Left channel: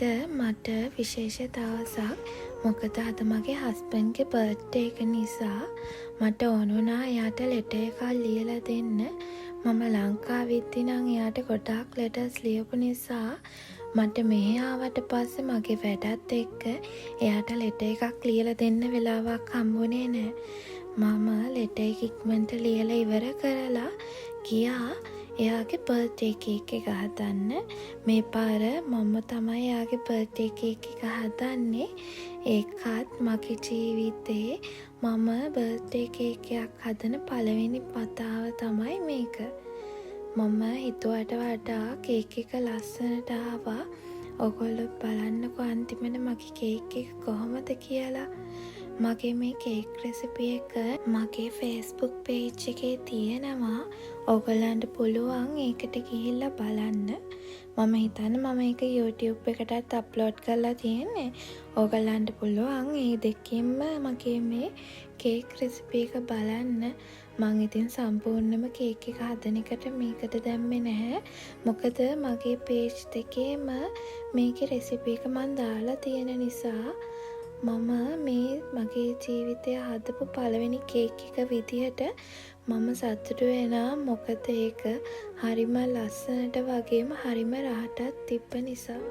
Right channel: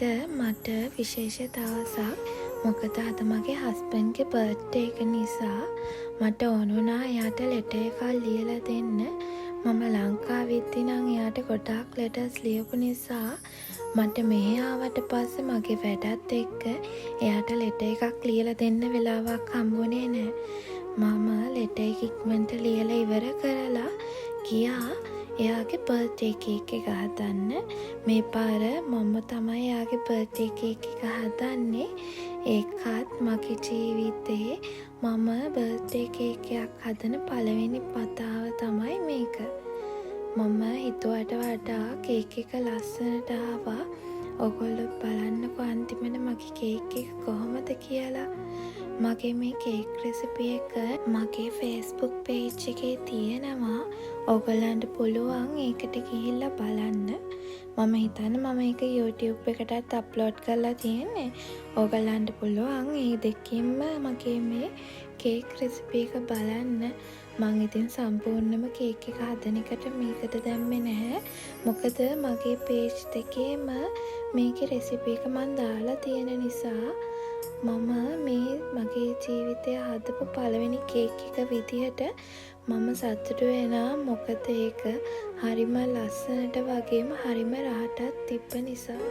අද මට විශේෂ දවසක්. මොකද අද මගේ හස්බන්ඩ්ගේ බර්ත්ඩේ එක නිසා මට ඕන වුණා එයාට ලෙටර් එකක් ලියලා දෙන්න. මම ලංකාවේ ඉද්දි නම් එයාට ගොඩාක් ලෙටර්ස් ලියපු නිසා මට මෙහෙ ආවට පස්සේ මගේ වැඩත් එක්ක එයාට ලෙටර් එකක් ලියලා දෙන්න වෙලාවක් හම්බුනේ නැහැ. මම ලෙටර් එක ඉක්මනට ලියලා ඉවර කරලා ගියා එයාගේ බර්ත්ඩේ කේක් එක හදන්න. මේ පාර මම තමයි එයාගේ බර්ත්ඩේ කේක් එක හදන්නේ. ඒකත් මගේ ජීවිතේ මම බර්ත්ඩේ කේක් එකක් හදන පළවෙනි වතාව තමයි මේක. මම හිතුවට වඩා කේක් එක ලස්සනට ආවා. ඔයගොල්ලෝ බලන්නකෝ අන්තිමට මගේ කේක් එක කොහොමද කියලා. මගේ මේ කේක් රෙසිපි එක මගේ Facebook page එකේ තියෙනවා. ඔයගොල්ලන්ට පුළුවන් ඒකට ගිහිල්ලා බලන්න. මම හිතන්නේ මම ඒක YouTube එකටත් අප්ලෝඩ් කරලා තියෙන්නේ. ඔයගොල්ලන්ට පුළුවන් මේ දෙකෙන්ම මගේ මේ කේක් රෙසිපි එක බලන්න. මම ඉතින් සම්පූර්ණයෙන්ම කේක් එක හදන එකට මේකට දැම්මේ නැහැ. මොකද මගේ page දෙකේම මේකේ රෙසිපි එක මම දාලා තියෙන නිසා මම මේ මගේ ජීවිතය හදපු පළවෙනි කේක් එක විදිහට මම සතුටු වෙනවා. මොකද ඒක හරිම ලස්සනට වගේම හරිම රහටත් තිබ්බ නිසා.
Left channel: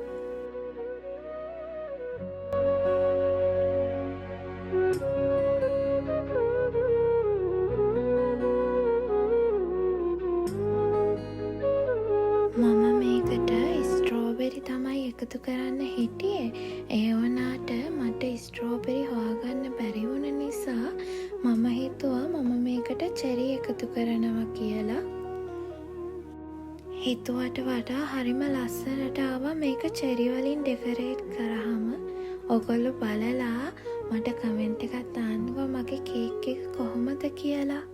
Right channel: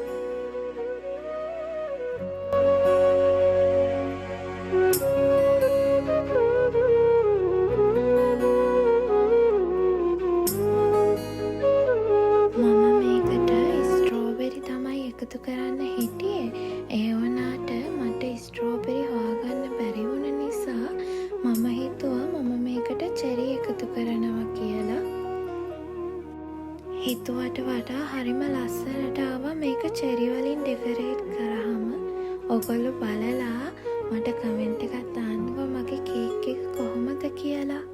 මම මේකට ස්ට්‍රෝබෙරි තමයි එකතු කරන්න හිටියේ. ඒ වුණාට මට ස්ට්‍රෝබෙරි හොයාගන්න බැරි වුණ නිසා මම හිතුවා මම මේකට චෙරි එකතු කරනවා කියලා. හිතුවට වඩා හරිම ලස්සනට ආවා මේක චෙරි වලින් ඩෙකරේට් කරාම. ඔයගොල්ලෝ බලලා මට කමෙන්ට් එකක් දාන්නකෝ මගේ කේක් එක කොහොමද කියලා.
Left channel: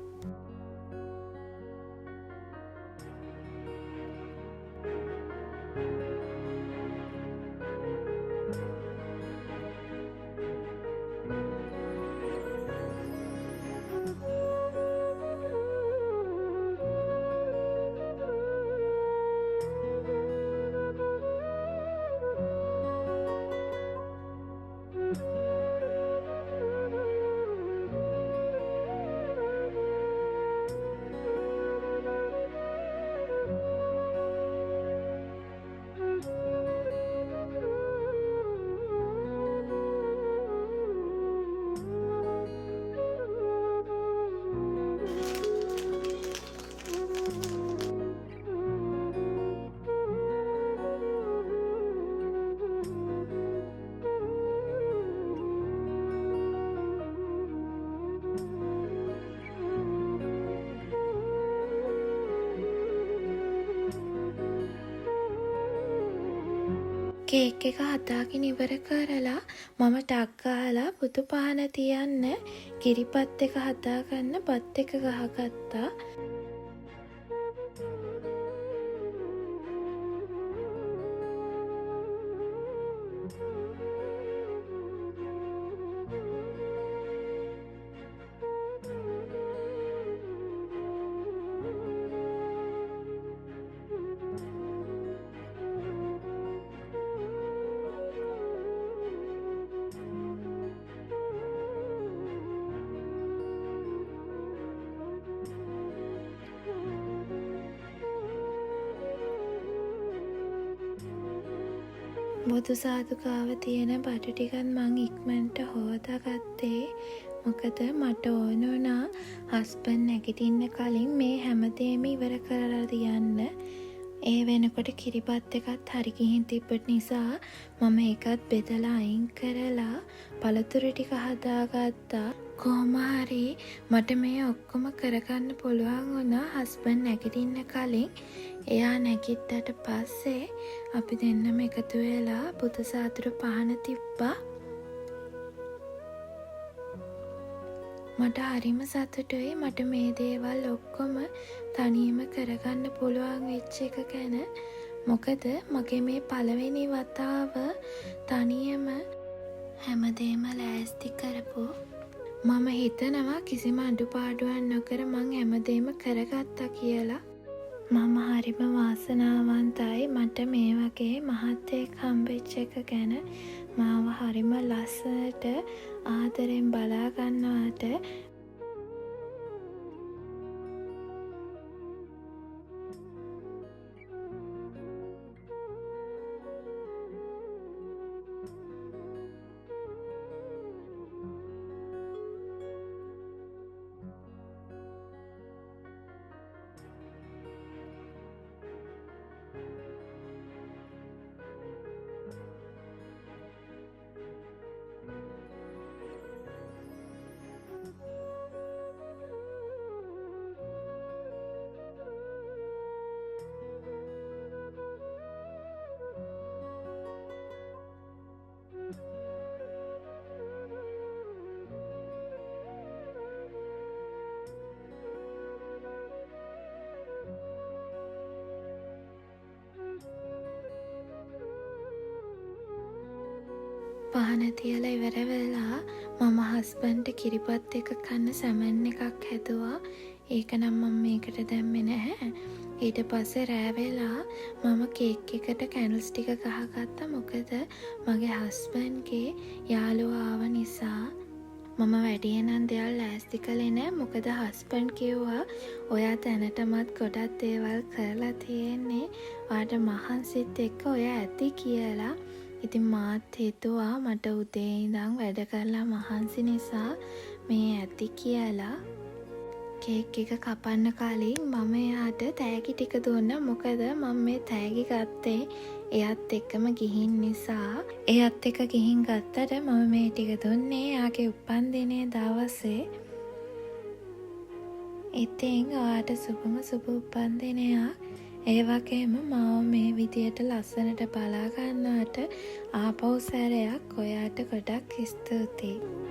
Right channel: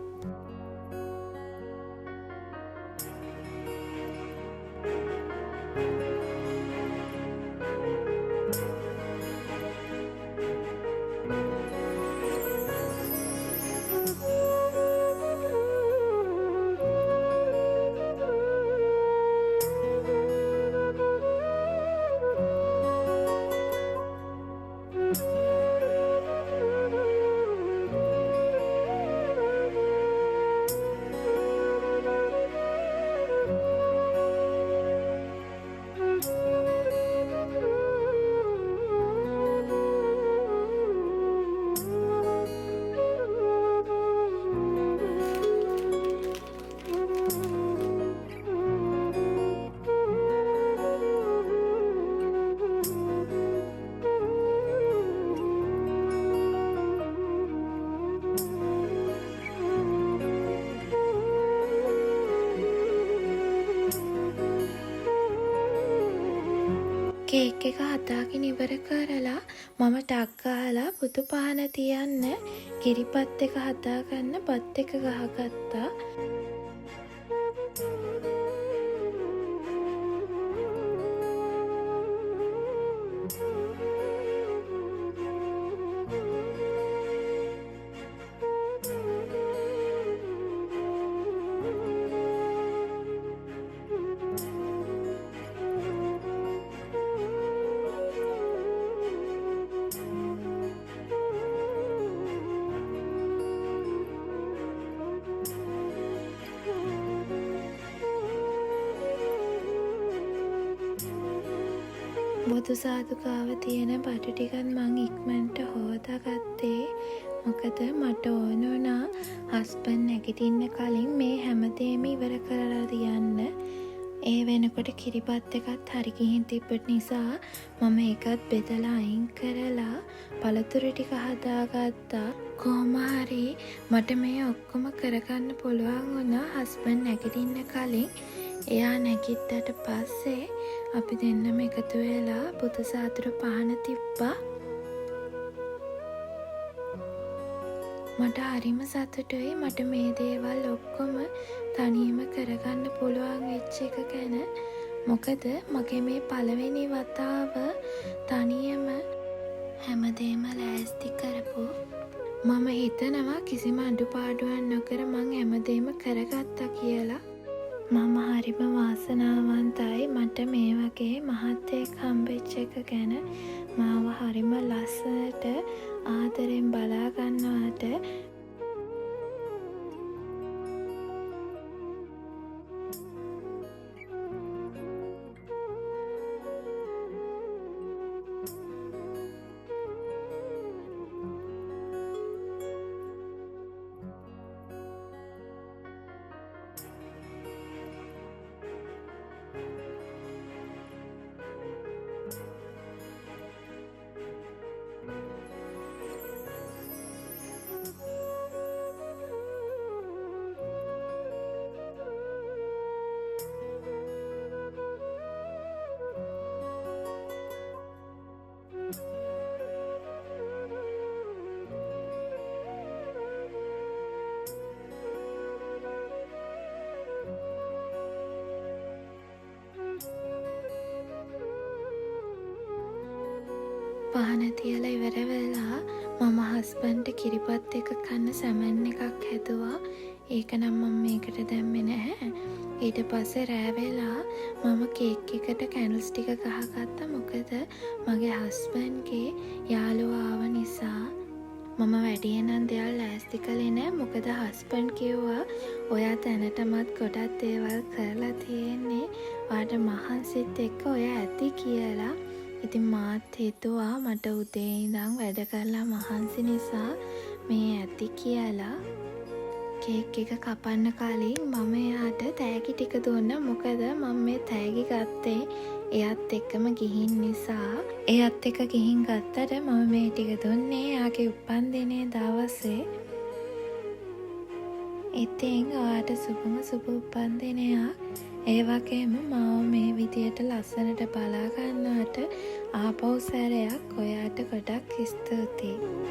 කේක් එක හදාගෙන ඉවර කරලා මම ටක් ගාලා බුදු පහන තියන්න කිරිපත් එක හදාගන්න බත් එක ගහගත්තා. බුදු සාදුකාව තියෙන බඩු ටිකත් මං ඉක්මනට හොදාගත්තේ. මොකද මට ඕන වුණා හස්බන්ඩ් නැගිටින්න කලින් මේ හැමදේම ඉවර කරලා තියන්න. ඒ වෙනකොට කිරිබත් එකත් හරි ගිහින් තිබ්බ නිසා මම ඒකත් බෙදලා අයින් කරලා පළතුරු ටික හදාගත්තා. කොහොම හරි මට මේ ඔක්කොම කරගන්න පුළුවන් වුණා හස්බන්ඩ් නැගිටින්න කලින්. එයා නැගිට්ටට පස්සේ අපි දෙන්නම එකතු වෙලා බුදු සාදුරු පහන තිබ්බා. මට හරිම සතුටුයි මට මේ දේවල් ඔක්කොම තනියම කරගන්න පුළුවන් වෙච්ච එක ගැන. මොකද මගේ මේ පළවෙනි වතාව තනියම හැමදේම ලෑස්ති කරපු. මම හිතනවා කිසිම අඩුපාඩුවක් නොකර මං හැමදේම කරගත්තා කියලා. මම හරිම වාසනාවන්තයි මට මේ වගේ මහත්තයෙක් හම්බෙච්ච එක ගැන. මාව හරිම ලස්සනට ආදරෙන් බලා ගන්නවට. පහන තියලා ඉවර වෙලා මම හස්බන්ඩ්ට කිරිපත් එක කන්න සැමන් එකක් හැදුවා. ඒක නම් මම මේකට දැම්මේ නැහැ. ඊට පස්සේ රෑ වෙලා මම කේක් එකට කැන්ඩල්ස් ටික ගහගත්තා. මොකද මගේ හස්බන්ඩ්ගේ යාළුවා ආව නිසා. මම වැඩියෙන්නම් දේවල් ලෑස්ති කළේ නෑ. මොකද හස්බන්ඩ් කිව්වා ඔයා දැනටමත් ගොඩක් දේවල් කරලා තියෙන්නේ. ඔයාට මහන්සිත් එක්ක ඔයා ඇති කියලා. ඉතින් මාත් හිතුවා මට උදේ ඉඳන් වැඩ කරලා මහන්සි නිසා මේ ඇති කියලා. කේක් එක කපන්න කලින් මම එයාට තෑගි ටික දුන්නා. මොකද මම මේ තෑගි ගත්තේ එයත් එක්කම ගිහින් නිසා. එයත් එක්ක ගිහින් ගත්තට මම මේ ටික දුන්නේ එයාගේ උපන්දිනේ දවසේ. ඉතින් ඔයාට සුබම සුබ උපන්දිනයක්. ඒ වගේම මාව මේ විදියට ලස්සනට බලා ගන්නවට ආපහු සැරයක් ඔයාට ගොඩක් ස්තුතියි.